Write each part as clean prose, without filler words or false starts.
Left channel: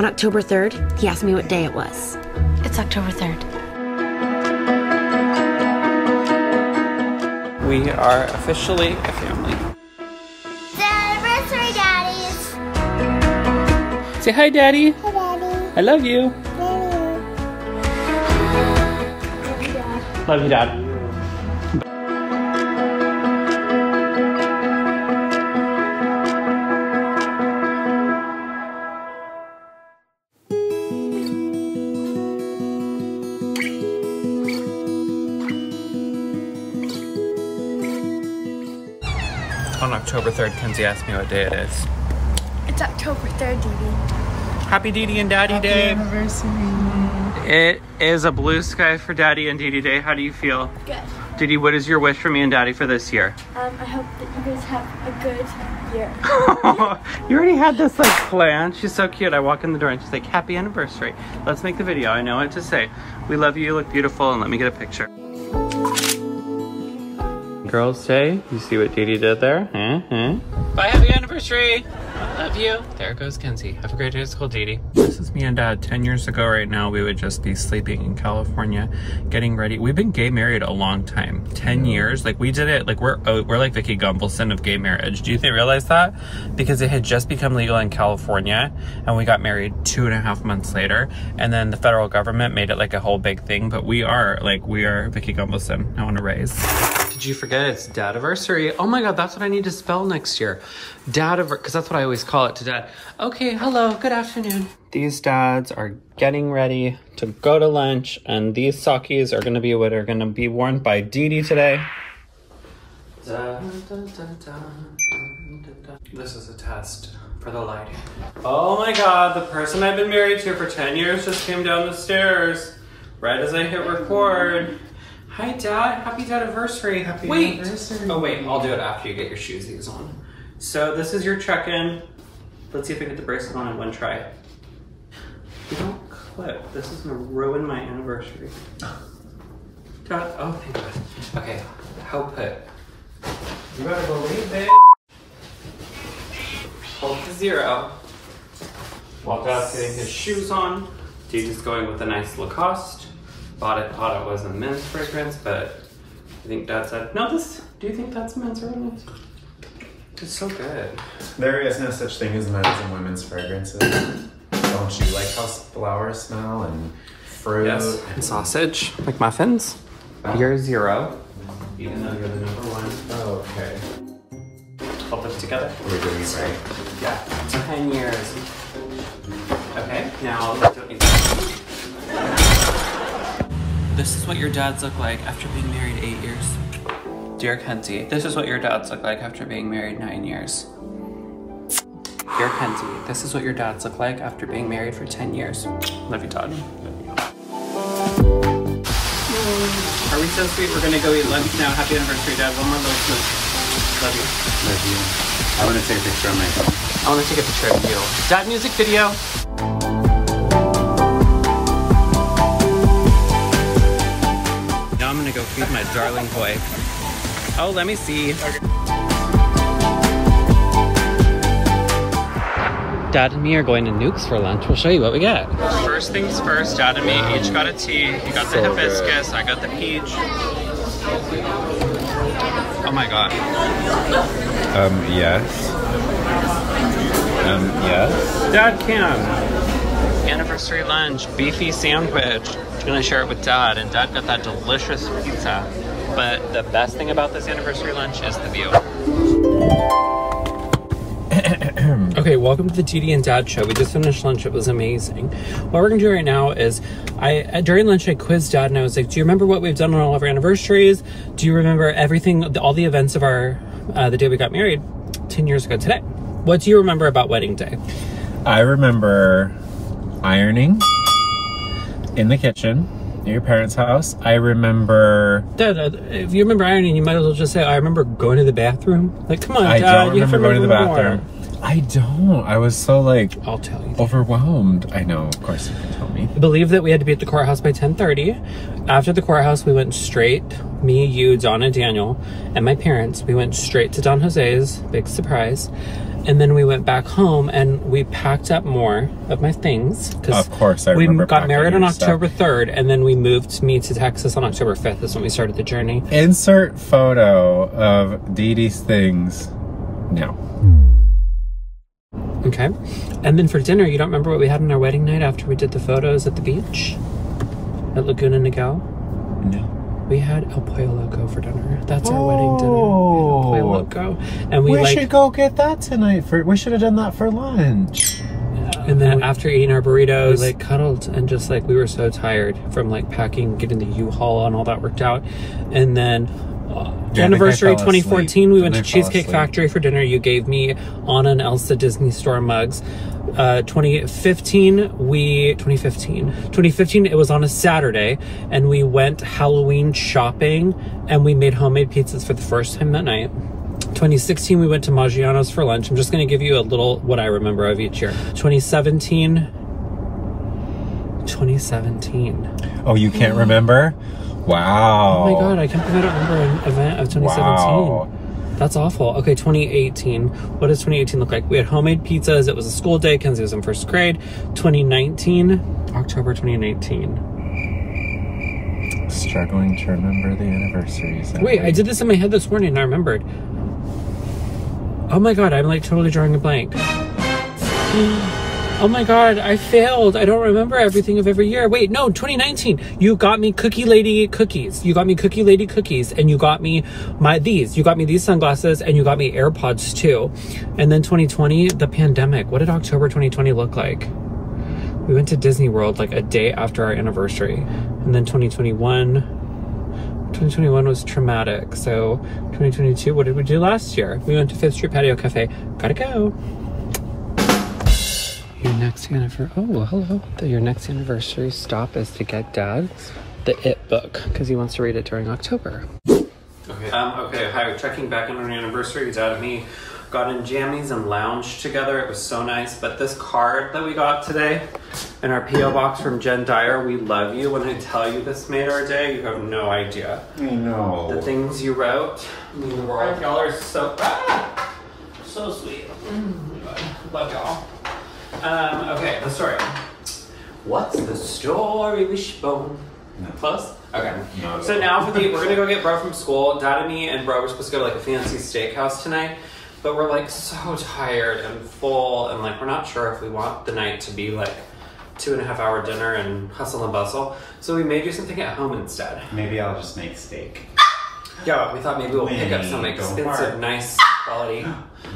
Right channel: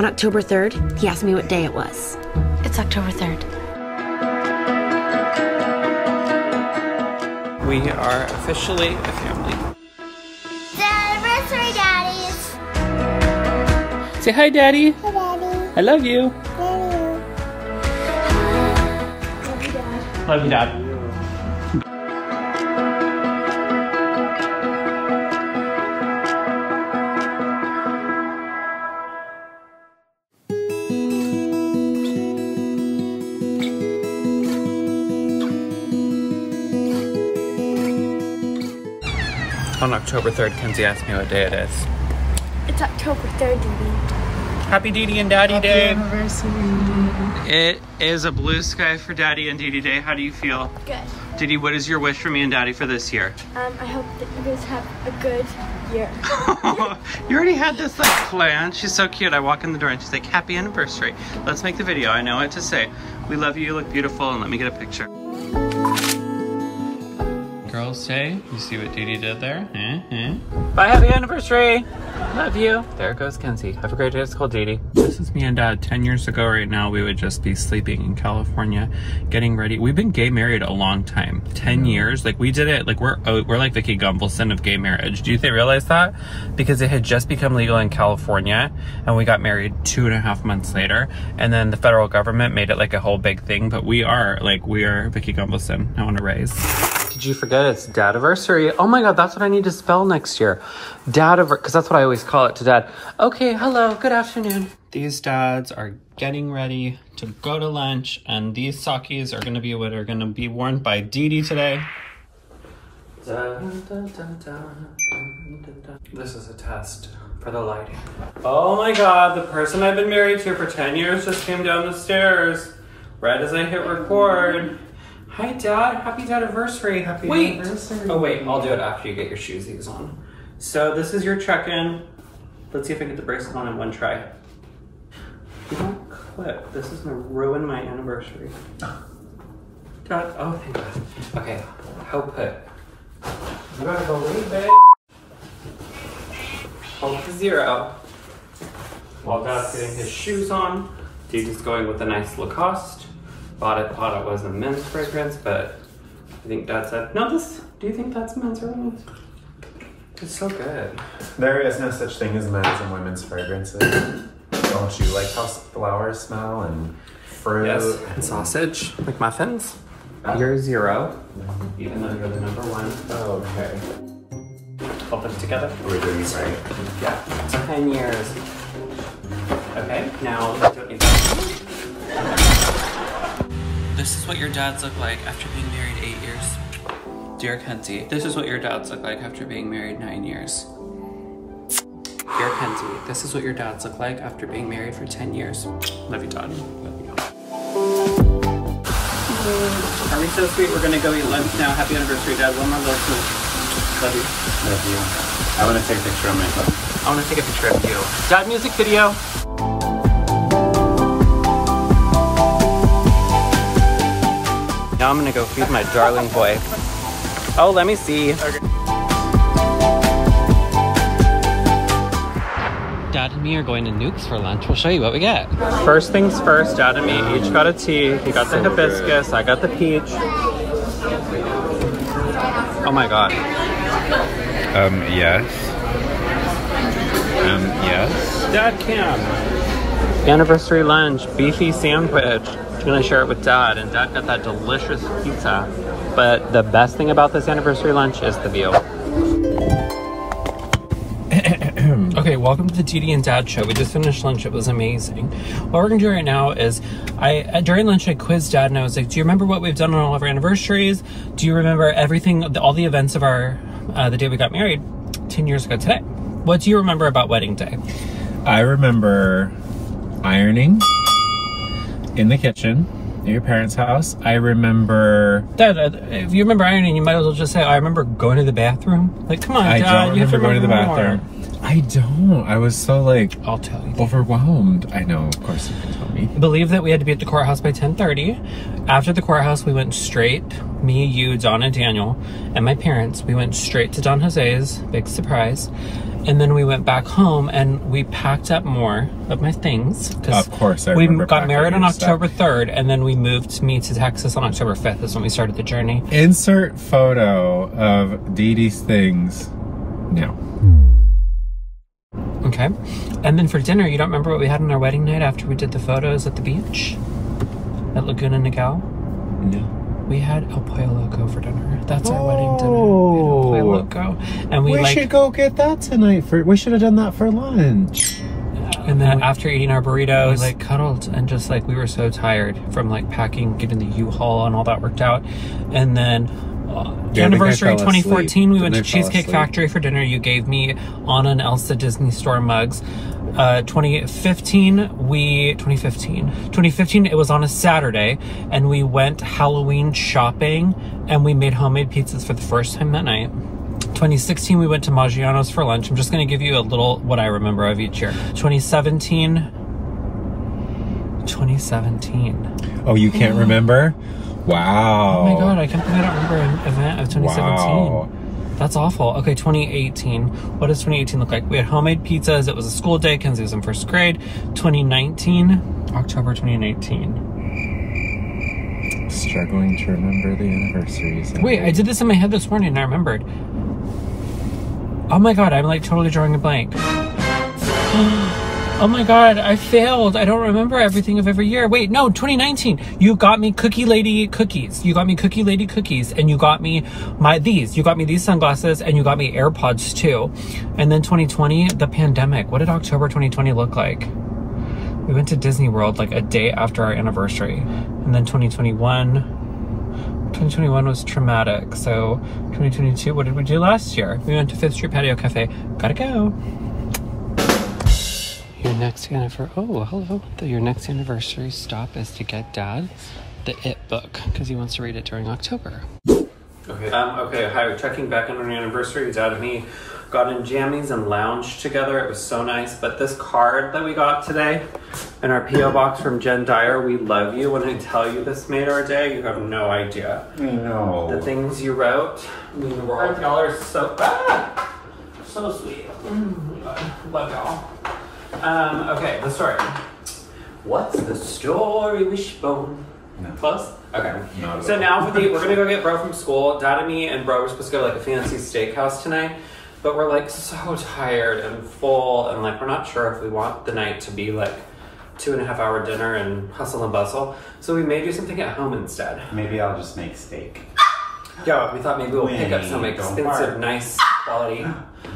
On October 3rd, he asked me what day it was. It's October 3rd. We are officially a family. It's the anniversary, Daddies. Say hi, Daddy. Hi, Daddy. I love you. Love you. Love you, Dad. On October 3rd, Kenzie asked me what day it is. It's October 3rd, Dee Dee. Happy Dee Dee and Daddy Happy Day. Anniversary. It is a blue sky for Daddy and Dee Dee Day. How do you feel? Good. Dee Dee, what is your wish for me and Daddy for this year? I hope that you guys have a good year. You already had this like planned. She's so cute. I walk in the door and she's like, happy anniversary. Let's make the video. I know what to say. We love you. You look beautiful. And let me get a picture. Girls say, you see what Dee Dee did there? Bye, happy anniversary. Love you. There goes Kenzie. Have a great day at school, Dee Dee. This is me and Dad. 10 years ago right now, we would just be sleeping in California, getting ready. We've been gay married a long time. 10 years. Like we did it, like we're like Vicky Gumbelson of gay marriage. Do you realize that? Because it had just become legal in California and we got married 2.5 months later. And then the federal government made it like a whole big thing. But we are Vicky Gumbelson. I want to raise. Did you forget it's Dadiversary? Oh my God, that's what I need to spell next year. Because that's what I always call it to Dad. Okay, hello, good afternoon. These dads are getting ready to go to lunch, and these sockies are gonna be what are gonna be worn by Dee Dee today. This is a test for the lighting. Oh my God, the person I've been married to for 10 years just came down the stairs right as I hit record. Hi, Dad. Happy Dadiversary. Happy anniversary. Oh, wait. I'll do it after you get your shoesies on. So this is your check-in. Let's see if I get the bracelet on in one try. You don't clip. This is going to ruin my anniversary. Dad. Oh, thank God. Okay. Hold put. You better believe it. Hold to 0. While Dad's getting his shoes on, Dee Dee's going with a nice Lacoste. Thought it was a men's fragrance, but I think Dad said, no, do you think that's men's or women's? It's so good. There is no such thing as men's and women's fragrances. Don't you like how flowers smell and fruit? Yes, and sausage, like muffins. You're 0, even though you're the number 1. Oh, okay. I'll put it together. Are we doing it right? Yeah, 10 years. Okay, now let's do it. This is what your dads look like after being married 8 years. Dear Kenzie, this is what your dads look like after being married 9 years. Dear Kenzie, this is what your dads look like after being married for 10 years. Love you, Todd. Are we so sweet? We're gonna go eat lunch now. Happy anniversary, Dad. One more little smooch. Love you. Love you. I want to take a picture of myself. I want to take a picture of you. Dad, music video. Now I'm gonna go feed my darling boy. Oh, let me see. Okay. Dad and me are going to Nuke's for lunch. We'll show you what we get. First things first, Dad and me each got a tea. He got the hibiscus, good. I got the peach. Oh my God. Yes. Yes. Dad, Cam. Anniversary lunch, beefy sandwich. I'm gonna share it with Dad, and Dad got that delicious pizza. But the best thing about this anniversary lunch is the view. Okay, welcome to the Dee Dee and Dad show. We just finished lunch. It was amazing. What we're gonna do right now is, during lunch I quizzed Dad and I was like, do you remember what we've done on all of our anniversaries? Do you remember everything, all the events of our, the day we got married 10 years ago today? What do you remember about wedding day? I remember ironing in the kitchen at your parents' house. I remember... Dad, if you remember ironing, you might as well just say, I remember going to the bathroom. Like, come on, Dad, you have to remember more. I don't. I was so, like, I'll tell you. Overwhelmed. I know, of course you can tell me. I believe that we had to be at the courthouse by 10:30. After the courthouse, we went straight, me, you, Donna, Daniel, and my parents, we went straight to Don Jose's, big surprise. And then we went back home and we packed up more of my things. Of course, I we remember got married on packing your October 3rd, and then we moved me to Texas on October 5th. Is when we started the journey. Insert photo of Dee Dee's things. No. Okay. And then for dinner, you don't remember what we had on our wedding night after we did the photos at the beach? At Laguna Niguel? No. We had El Pollo Loco for dinner. That's our wedding dinner. We had El Pollo Loco. And we should go get that tonight. We should have done that for lunch. And then after eating our burritos, we like cuddled and just like, we were so tired from like packing, getting the U-Haul and all that worked out. And then anniversary 2014, we went to Cheesecake Factory for dinner. You gave me Anna and Elsa Disney Store mugs. 2015, it was on a Saturday, and we went Halloween shopping, and we made homemade pizzas for the first time that night. 2016, we went to Maggiano's for lunch. I'm just going to give you a little what I remember of each year. 2017. Oh, you can't remember? Wow. Oh my God, I can't believe I don't remember an event of 2017. Wow. That's awful. Okay, 2018. What does 2018 look like? We had homemade pizzas. It was a school day. Kenzie was in first grade. 2019, October 2019. Struggling to remember the anniversaries. Wait, I did this in my head this morning and I remembered. Oh my God, I'm like totally drawing a blank. Oh my God, I failed. I don't remember everything of every year. Wait, no, 2019. You got me Cookie Lady cookies. You got me Cookie Lady cookies, and you got me these. You got me these sunglasses, and you got me AirPods too. And then 2020, the pandemic. What did October 2020 look like? We went to Disney World like a day after our anniversary. And then 2021 was traumatic. So 2022, what did we do last year? We went to Fifth Street Patio Cafe. Gotta go. Your next anniversary, oh, hello. Your next anniversary stop is to get Dad the It book because he wants to read it during October. Okay, hi, we're checking back on our anniversary. Dad and me got in jammies and lounged together. It was so nice. But this card that we got today in our P.O. box from Jen Dyer, we love you. When I tell you this made our day, you have no idea. No. The things you wrote mean the world. Y'all are so sweet. Love y'all. Okay, the story. What's the story, Wishbone? No. Close? Okay. No, so now we're gonna go get Bro from school. Dad and me and Bro were supposed to go to like a fancy steakhouse tonight, but we're like so tired and full, and like we're not sure if we want the night to be like 2.5-hour dinner and hustle and bustle. So we may do something at home instead. Maybe I'll just make steak. Yeah, we thought maybe we'll pick up some expensive, nice quality.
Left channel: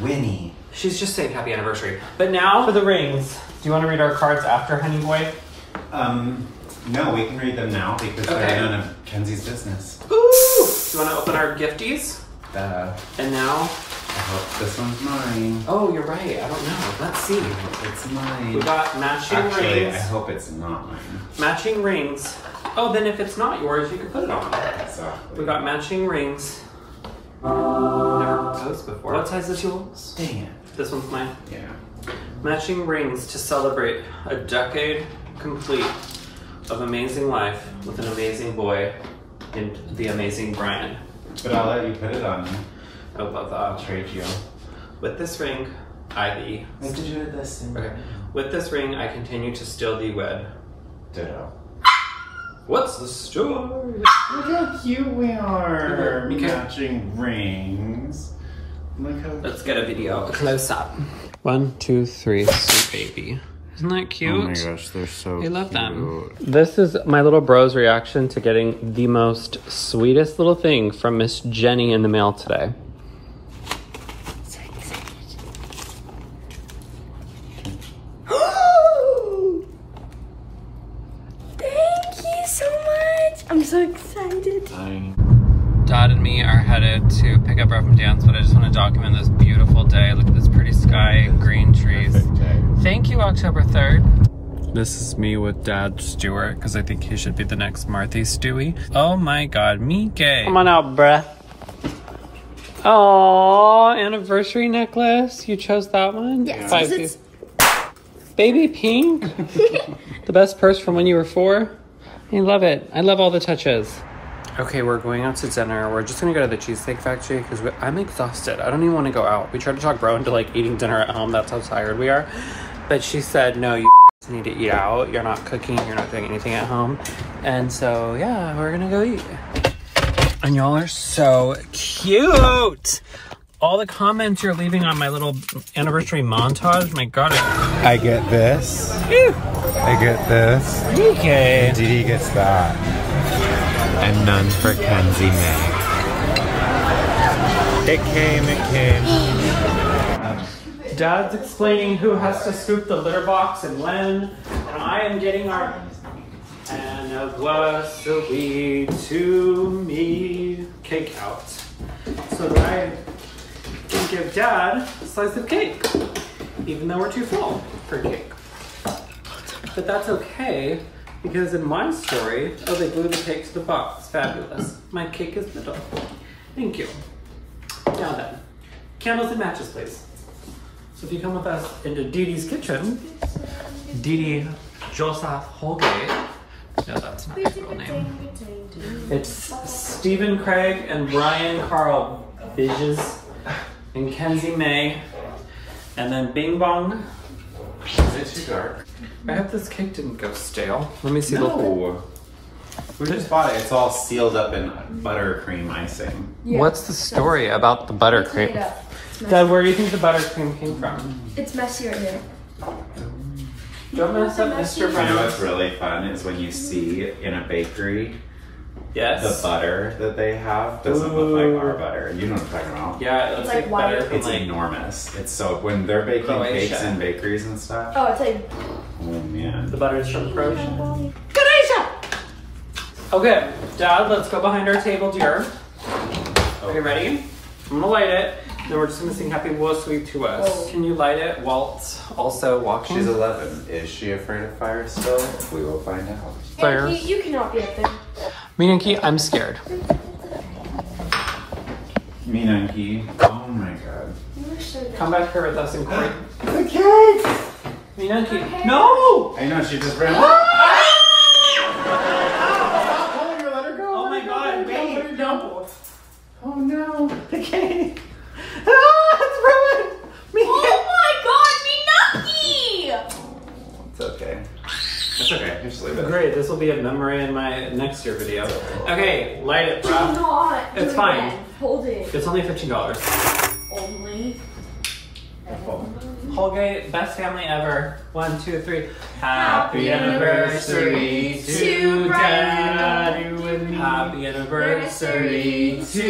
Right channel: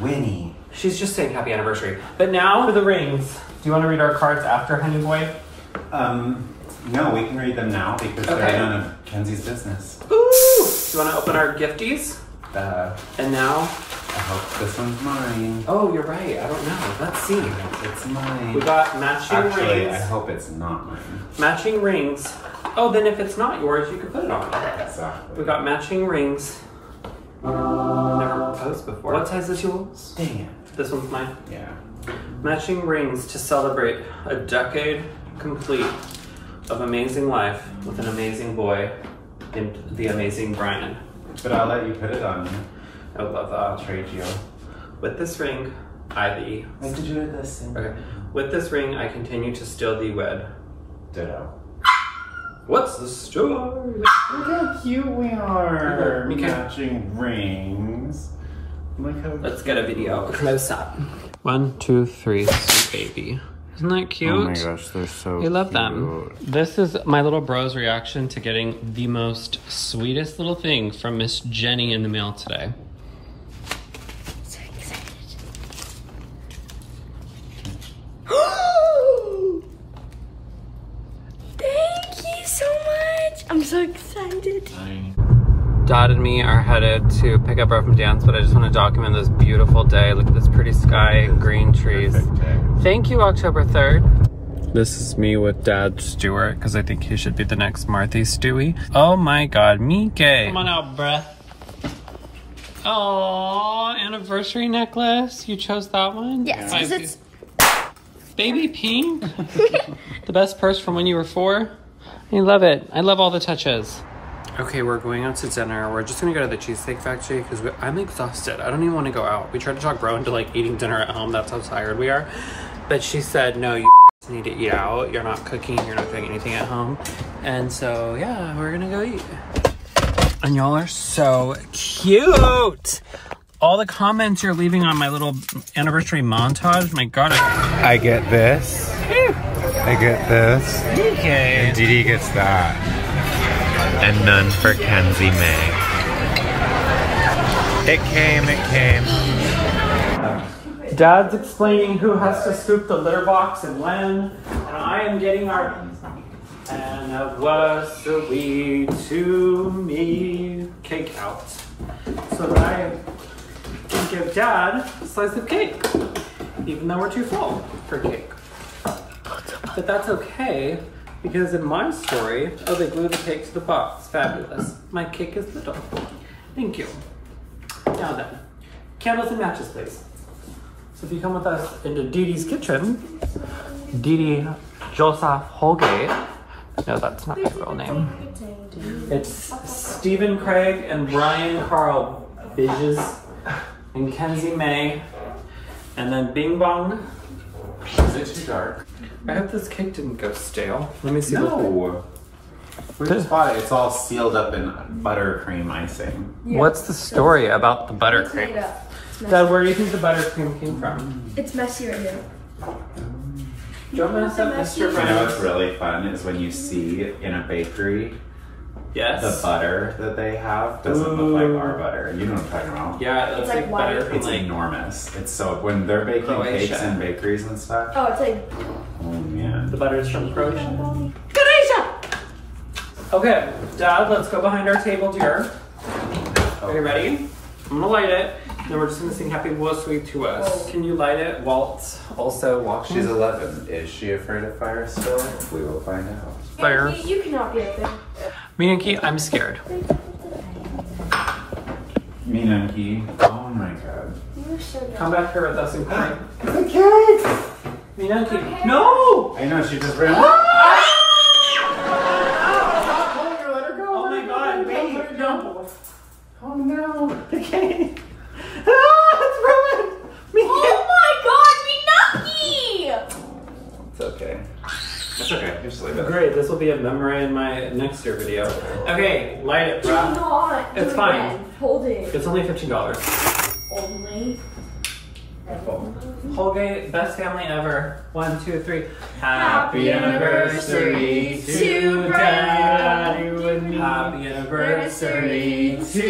Winnie. She's just saying happy anniversary. But now for the rings. Do you want to read our cards after, honey boy? No, we can read them now because they're none of Kenzie's business. Ooh! Do you want to open our gifties? And now? I hope this one's mine. Oh, you're right. I don't know. Let's see. It's mine. We got matching rings. Actually, I hope it's not mine. Matching rings. Oh, then if it's not yours, you can put it on. Exactly. We got matching rings. Never proposed before. What size is yours? Dang it. This one's mine? Yeah. Matching rings to celebrate a decade complete of amazing life with an amazing boy named the amazing Bryan. But I'll let you put it on. I would love that. I'll trade you. With this ring, I thee. What did you do this thing? Okay. With this ring, I continue to still thee wed. Ditto. What's the story? Look how cute we are. Okay. Matching rings. Look how Let's get a video close up. 1, 2, 3, sweet baby. Isn't that cute? Oh my gosh, they're so I love them. This is my little bro's reaction to getting the most sweetest little thing from Miss Jenny in the mail today. So excited. Thank you so much. I'm so excited. Dad and me are headed to pick up Bro from dance, but I just want to document this beautiful day. Look at this pretty sky and green trees. Thank you, October 3rd. This is me with Dad Stewart, because I think he should be the next Marthy Stewie. Oh my God, Mike. Come on out, bruh. Aww, anniversary necklace. You chose that one? Yes. Baby pink. The best purse from when you were 4. I love it. I love all the touches. Okay, we're going out to dinner. We're just gonna go to the Cheesecake Factory because I'm exhausted. I don't even want to go out. We tried to talk Bro into like eating dinner at home. That's how tired we are. But she said, no, you need to eat out. You're not cooking. You're not doing anything at home. And so, yeah, we're gonna go eat. And y'all are so cute. All the comments you're leaving on my little anniversary montage. My God. I get this. I get this. Okay. And Didi gets that. And none for Kenzie May. It came. Dad's explaining who has to scoop the litter box and when. And I am getting our anniversary to me cake out. So that I can give Dad a slice of cake. Even though we're too full for cake. But that's okay. Because in my story, oh, they glued the cake to the box. Fabulous. My cake is little. Thank you. Now then, candles and matches, please. So if you come with us into Didi's kitchen, Didi Joseph Holgate. No, that's not his real name. It's Stephen Craig and Bryan Carl Bidges and Kenzie May. And then Bing Bong. Is it too dark? I hope this cake didn't go stale. Let me see. No. We just bought it. It's all sealed up in buttercream icing. Yeah. What's the story about the Mixing it buttercream? up. It's messy. Dad, where do you think the buttercream came from? It's messy right here. Don't mess up Mr. You know Bryan. what's really fun is when you see in a bakery Yes. the butter that they have doesn't look like our butter. You know what I'm talking about? Yeah, it looks It's like like butter white. from It's like... enormous. It's so when they're baking Croatia. cakes in bakeries and stuff. Oh, it's like Oh man. The butter's from Croatia. Okay, Dad, let's go behind our table, dear. Are you ready? I'm gonna light it, then we're just gonna sing Happy Woe Sweet to Us. Whoa. Can you light it? Walt also walking. She's 11. Is she afraid of fire still? We will find out. Fire. You cannot be up there. Minky, I'm scared. Minanki. Oh my god. You were so good. Come back here with us and play. The cake! Minky, no! I know, she just ran. Oh my God, wait, no. Oh no. The cake. It's ruined. Oh my God, Minaki! It's okay. It's okay. Just leave it. Great, this will be a memory in my next year video. Okay, light it, Do bruh. not. It's do it fine. again. Hold it. It's only $15. Only. Holgate, best family ever. 1, 2, 3. Happy anniversary to Bryan you and me. Happy anniversary to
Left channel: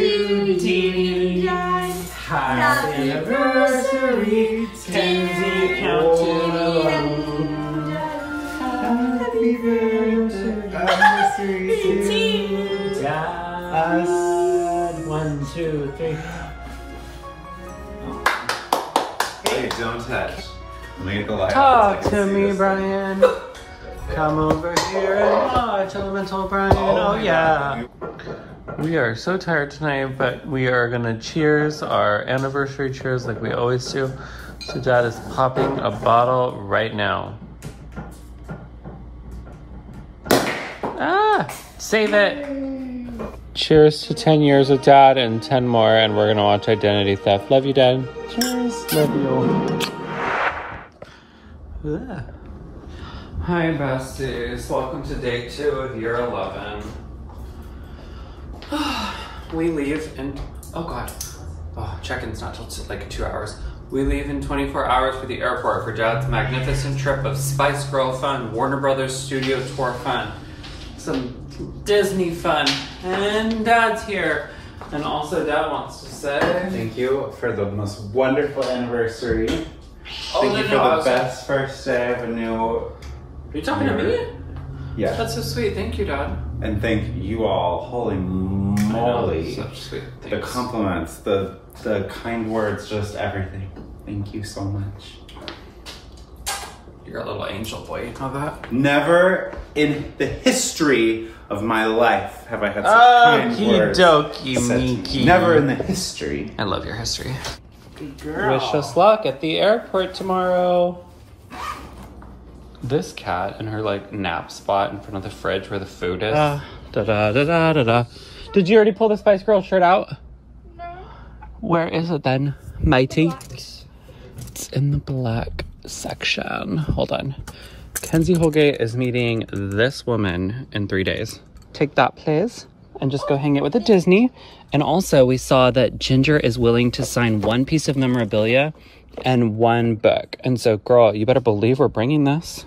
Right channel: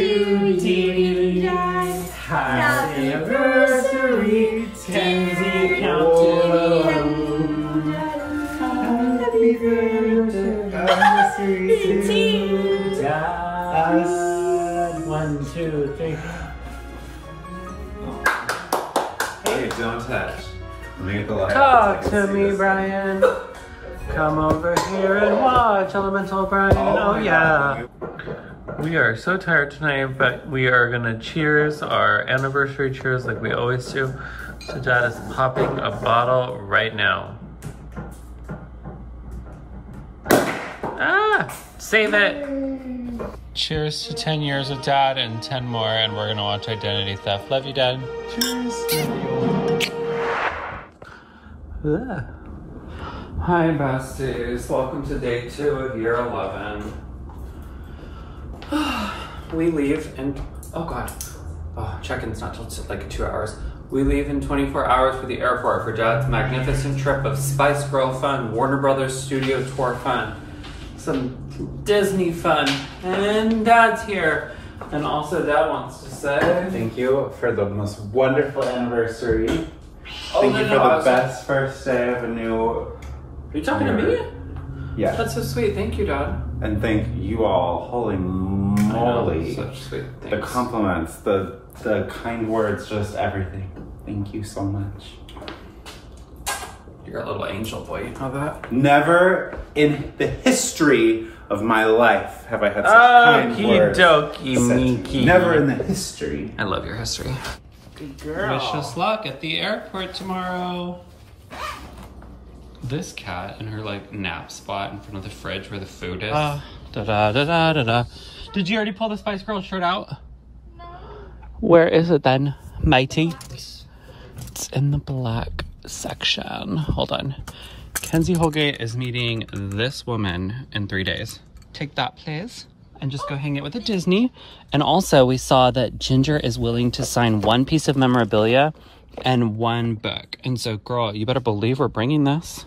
Didi. Happy anniversary, Kenzie County. Happy anniversary to Dad. 1, 2, 3. Hey, don't touch. Let me get the light Talk off so I to can see me, this. Bryan. Come over here and watch Elemental Bryan. Oh yeah. We are so tired tonight, but we are gonna cheers our anniversary cheers like we always do. So Dad is popping a bottle right now. Ah, save it. Cheers to 10 years with Dad and 10 more, and we're gonna watch Identity Theft. Love you, Dad. Cheers. Love you. Ugh. Hi, besties. Welcome to day 2 of year 11. We leave in, oh God. Oh, check-in's not till like 2 hours. We leave in 24 hours for the airport for Dad's magnificent trip of Spice Girl fun, Warner Brothers studio tour fun, some Disney fun, and Dad's here. And also Dad wants to say, Thank you for the most wonderful anniversary. oh, Thank no, you no, for I the was- best first day of a new Are you talking to me? Yeah. That's so sweet. Thank you, Dad. And thank you all. Holy I know, moly. such sweet The things. compliments, the kind words, just everything. Thank you so much. You're a little angel boy. You know that? Never in the history of my life have I had such kind words. Okey-dokey, said to me. Minky. Never in the history. I love your history. Good girl. Wish us luck at the airport tomorrow. This cat in her like nap spot in front of the fridge where the food is. Da-da-da-da-da-da. Did you already pull the Spice Girl shirt out? No. Where is it then, matey? It's in the black section. Hold on. Kenzie Holgate is meeting this woman in 3 days. Take that, please. And just go hang it with a Disney. And also, we saw that Ginger is willing to sign 1 piece of memorabilia and 1 book. And so, girl, you better believe we're bringing this.